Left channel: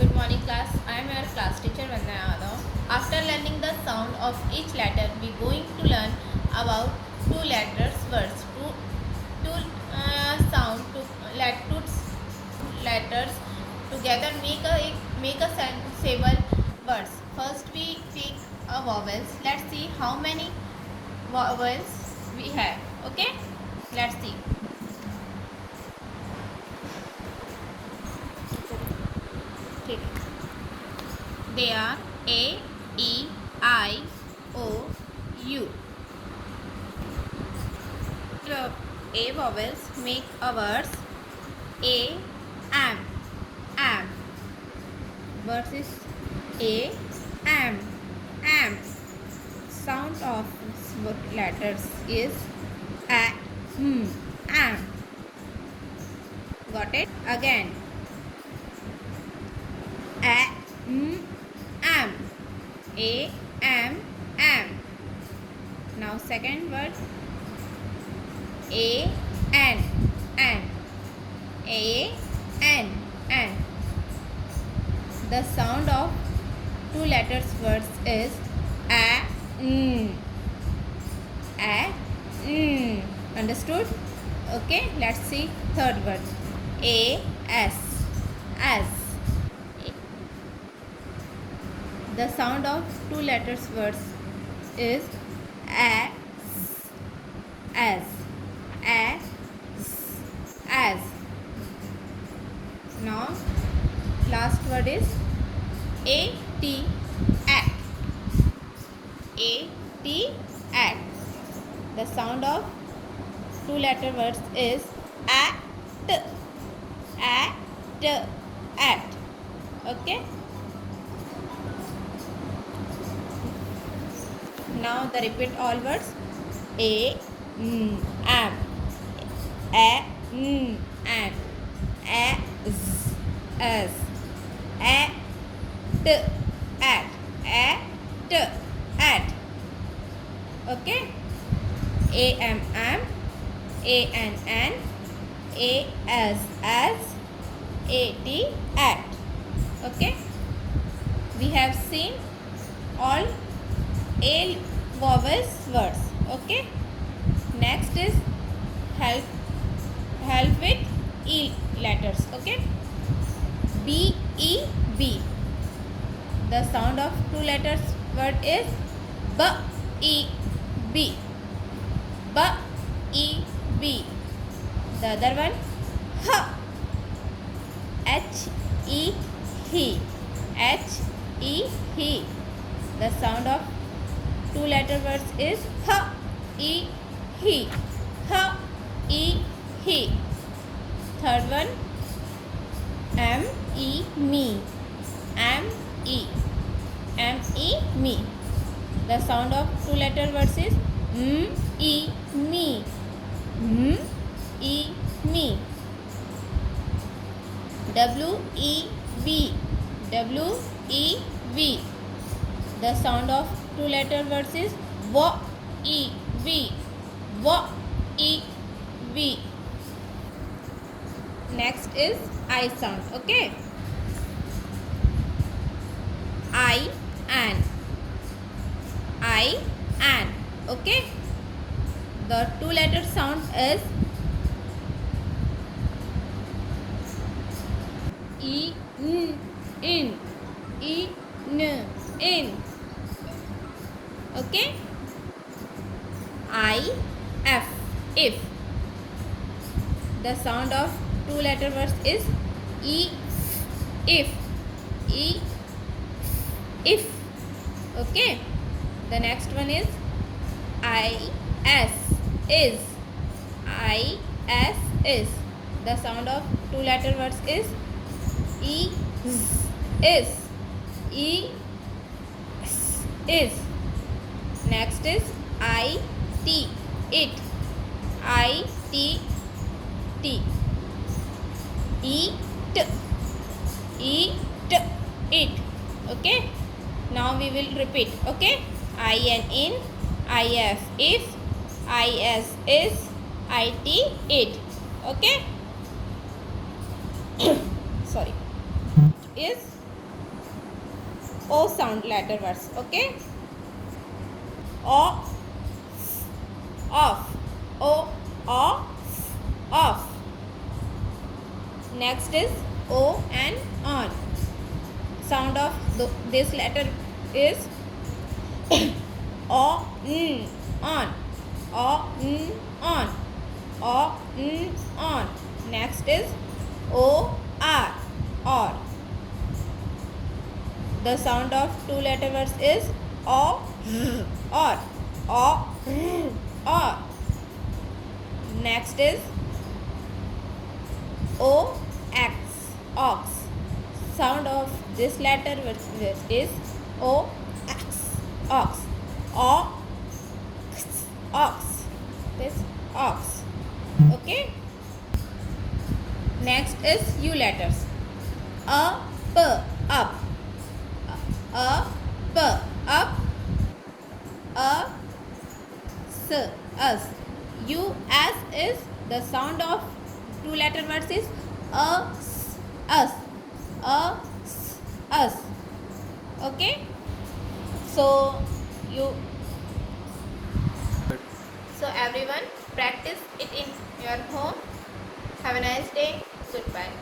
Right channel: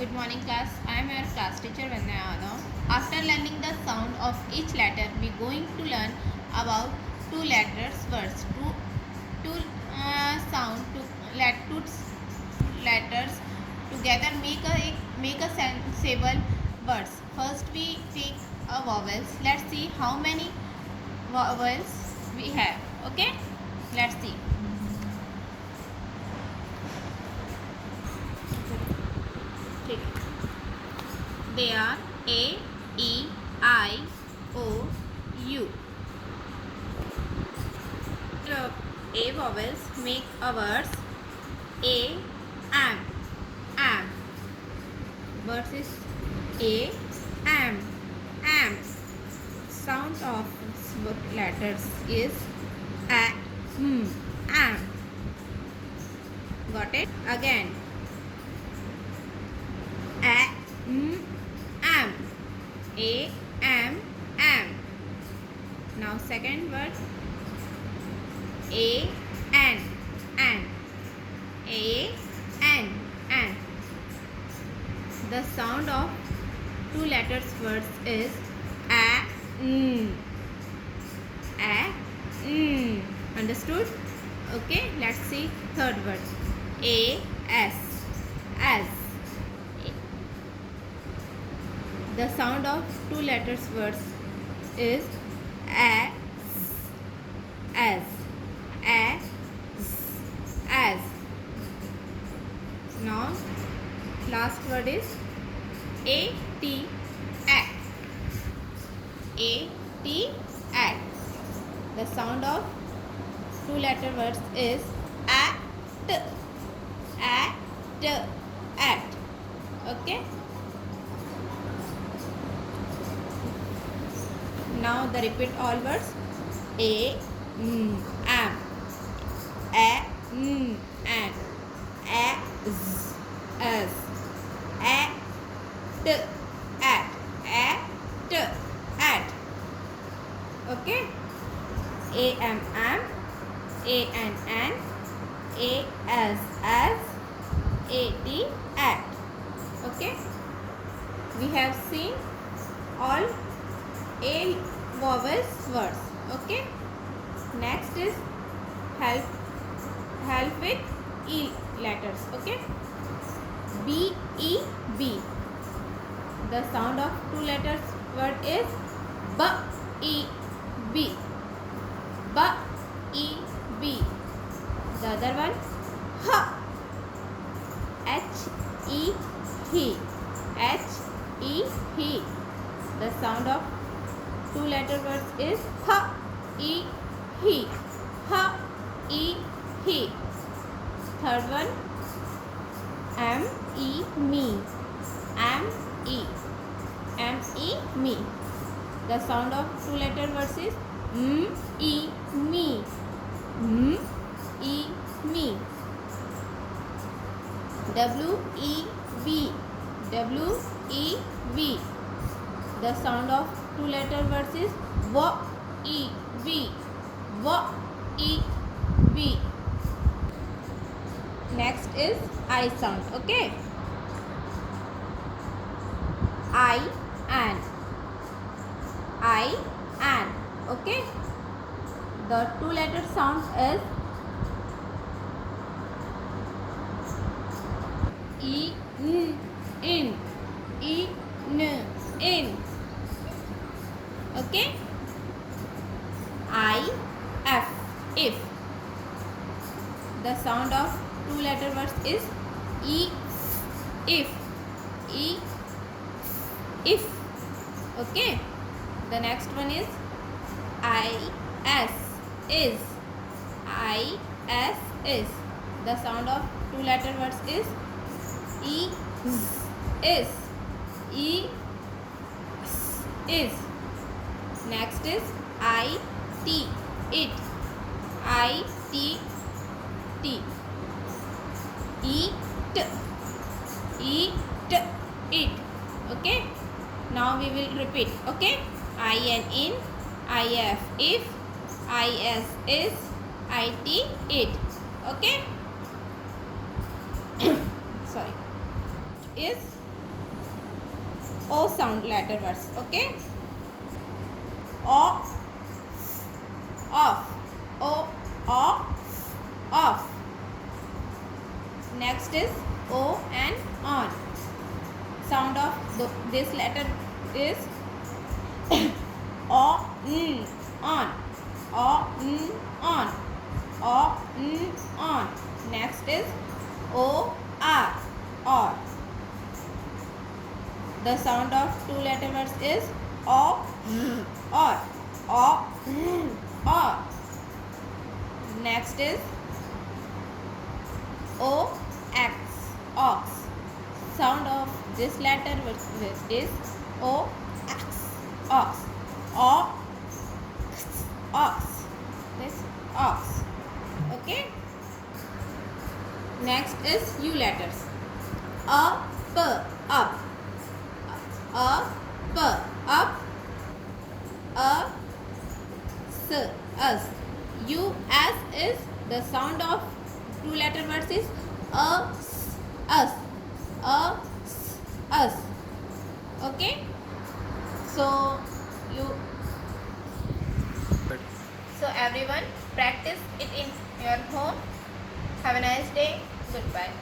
Good morning class. I am your class teacher Vandana Yadav. After learning the sound of each letter, we are going to learn about two letters words. Two sound two letters together make a sensible words. First we take a vowels. Let's see how many vowels we have. Okay? Let's see. They are A, E, I, O, U. The A vowels make a words A, am. Words is A, am. Sound of letters is A, am. Got it? Again. A, am. A, am. Now second word. A, an. A, an. The sound of two letters words is A, Understood? Okay, let's see third word. A, as. The sound of two letters words is as. Now last word is at. The sound of two letter words is at. Okay. Now the repeat all words. A, am. A, an. As. At. Okay. A, am. A, an. A, as. At. Okay. We have seen all A vowels words. Okay. Next is help with E letters. Okay. B, E, B. The sound of two letters word is B, E, B. B, E, B. The other one H, E, he. He. The sound of two letter words is he. He. Third one me. Me. The sound of two letter words is me. Me. W, E, V. The sound of two letter words is V. Next is I sound. Okay. I, an. Okay. The two letter sound is in. Okay. If. The sound of two letter words is if. Okay. The next one is is. The sound of two letter words is is. Next is it. Eat. Okay. Now we will repeat. Okay. in. If. Is. It. Okay. Sorry. Is O sound letter words. Okay. O, off. O, off. Next is O and on. Sound of this letter is O, n, on. O, n, on. O, n, on. Next is O, r, or. The sound of two letter words is O, or. O, or. Next is O, x, ox. Sound of this letter word is O, x, ox. O, ox. This ox. Okay. Next is U letters. A, p, up. A, p, up. A, s, us. U, as is the sound of two letter words is a, s, us. A, s, us. Okay. So everyone practice it in your home. Have a nice day. Goodbye.